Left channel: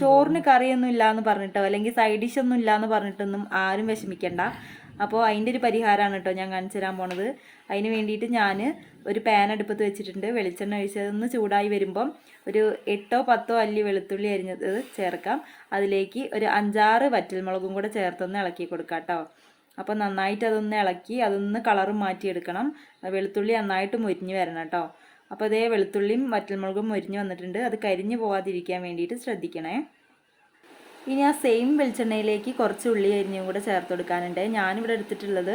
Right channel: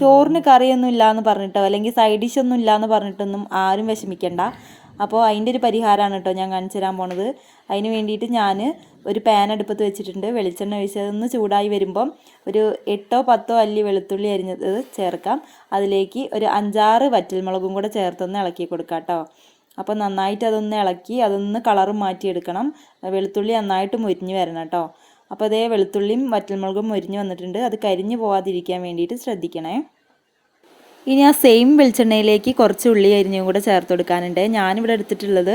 ചോറിന് കറിയൊന്നും ഇല്ലയെന്ന് പറഞ്ഞിട്ടോ അല്ലെങ്കിൽ സൈഡ് ഡിഷൊന്നും ഇല്ലയെന്ന് പറഞ്ഞിട്ടൊന്നും ആരും വിഷമിക്കണ്ട. അപ്പോൾ അതിൻ്റെ ഒരു പരിഹാരമാണ് കേട്ടോ ഞാൻ കാണിച്ചു തരാൻ പോണത്. അതിന് വേണ്ടിയിട്ട് ഞാൻ ഒരു പാൻ അടുപ്പത്ത് വെച്ചിട്ടുണ്ട്. വെളിച്ചെണ്ണ ഒഴിച്ചതൊന്ന് ചൂടായി വരുമ്പം ഒരു 8-10 അല്ലി വെളുത്തുള്ളി അരിഞ്ഞത് ചേർക്കാം. അതിലേക്ക് ഒരു 5-6 വറ്റൽമുളകും കൂടെ ചേർത്തൊന്ന് ഇളക്കി കൊടുക്കാം കേട്ടോ. അപ്പോൾ നന്നായിട്ട് അതൊന്ന് ഇളക്കി അതൊന്ന് കളറും മാറ്റിയെടുക്കണം. വെളുത്തുള്ളി നന്നായിട്ട് മുരിഞ്ഞ് വരണം കേട്ടോ. അപ്പോൾ അതേ വെളുത്തുള്ളിയും വറ്റൽമുളകും മുരിഞ്ഞ് വന്നിട്ടുണ്ട്. അത് കരിഞ്ഞ് പോകാതിരിക്കാൻ വേണ്ടിയിട്ട് ശ്രദ്ധിക്കണേ. ഇനി ആ സെയിം വെളിച്ചെണ്ണയിലേക്ക് കുറച്ച് ഉള്ളി അരിഞ്ഞും കൂടെ ചേർത്ത് കൊടുക്കാനുണ്ട്. ഞാനിവിടെ എടുത്തിട്ടുള്ളത്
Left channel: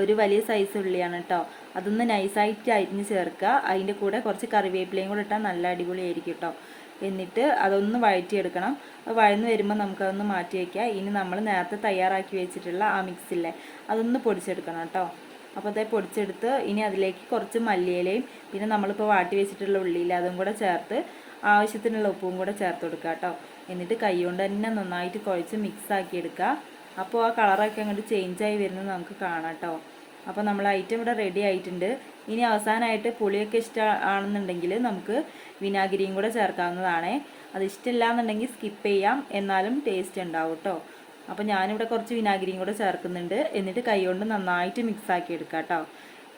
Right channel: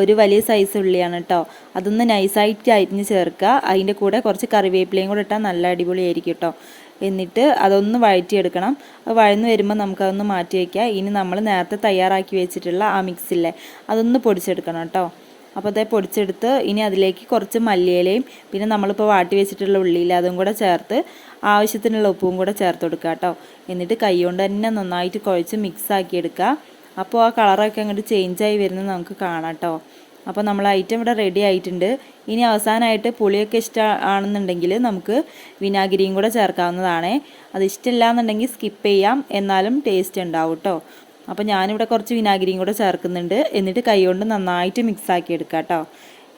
ഒരു വലിയ സൈസ് ഉള്ളിയാണ് കേട്ടോ. അതൊന്ന് നൈസായിട്ട് അരിഞ്ഞ് ചേർക്കുക. അതിൻ്റെ കൂടെ കുറച്ച് കറിവേപ്പിലയും കൂടെ ഇട്ടാൽ നല്ല അടിപൊളിയായിരിക്കും കേട്ടോ. എന്നിട്ട് അതൊന്ന് വഴറ്റിയെടുക്കണം. വഴന്ന് വരുമ്പോൾ നമുക്കതൊന്ന് മാറ്റി വയ്ക്കുക. ഇനി നമ്മൾ നേരത്തെ തയ്യാറാക്കി വെച്ചിട്ടുള്ള ആ മിക്സില്ലേ അതൊന്ന് പൊടിച്ചെടുക്കണം കേട്ടോ. അപ്പോൾ അതേ പൊടിച്ചെടുത്ത് ഇനി അതിലേക്ക് കുറച്ച് മല്ലിയിലയും പിന്നെ നമ്മളിപ്പോൾ വാട്ടി വെച്ചിട്ടുള്ള ഉള്ളിയില്ല അതും കൂടെ ചേർത്ത് ആവശ്യത്തിനുള്ള ഉപ്പും കൂടെ ചേർത്ത് കൊടുക്കുക കേട്ടോ. എന്നിട്ട് കൈ കൊണ്ട് തന്നെ നന്നായിട്ട് കുഴച്ച് മിക്സ് ആക്കി എടുക്കുക. അപ്പോൾ ആ കളറൊക്കെ അങ്ങോട്ട് ചേഞ്ചായി വരുന്നത് നമുക്ക് കാണാം കേട്ടോ. അപ്പോൾ നമ്മൾ ഐറ്റം ഇവിടെ റെഡി ആയിട്ടുണ്ട്. ഇനി അവസാനമായിട്ട് പുളിയൊക്കെ ഇഷ്ടമാണെന്നുണ്ടെങ്കിൽ നമുക്ക് വിനാഗിരിയും കൂടെ ചേർക്കാവുന്നതാണ്. അത് ഇഷ്ടമില്ല എന്നുണ്ടെങ്കിൽ സ്കിപ്പ് ചെയ്യാം, എന്നാലും ടേസ്റ്റ് ഉണ്ടാവും കേട്ടോ. അപ്പോൾ ഞാനിവിടെ കുറച്ച് വിനാഗിരിയും കൂടെ ചേർക്കുന്നുണ്ട്. എന്നിട്ട് കൈ കൊണ്ട് നന്നായിട്ട് മിക്സ് ആക്കി എടുക്കാം കേട്ടോ.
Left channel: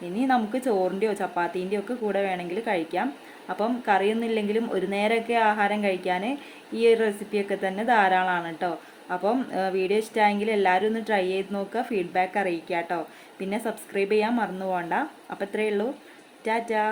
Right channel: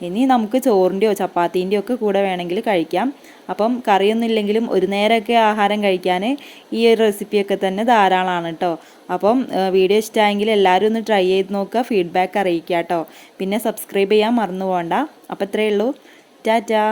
ഇനി നമുക്ക് ചോറിൻ്റെയോ ചപ്പാത്തീൻ്റെയോ ഒക്കെ കൂടെ വേണമെങ്കിൽ കഴിക്കാം. അപ്പം കറിയൊന്നും ഇല്ലെങ്കിലും ഒരു നേരമൊക്കെ ആഹാരം കഴിക്കാൻ ഈ ഒരു റെസിപ്പിയൊക്കെ തന്നെ ധാരാളമാണ് കേട്ടോ. അപ്പം വീഡിയോ ഇഷ്ടമായെങ്കിൽ എല്ലാവരും ഒന്ന് ട്രൈ ചെയ്ത് നോക്കുക, ഫീഡ്ബാക്ക് അറിയിക്കുക കേട്ടോ. പിന്നെ സബ്സ്ക്രൈബ് ചെയ്യാൻ മറന്നു പോകണ്ട. അപ്പോൾ ഇത്രയേ ഉള്ളൂ. ടാറ്റാ.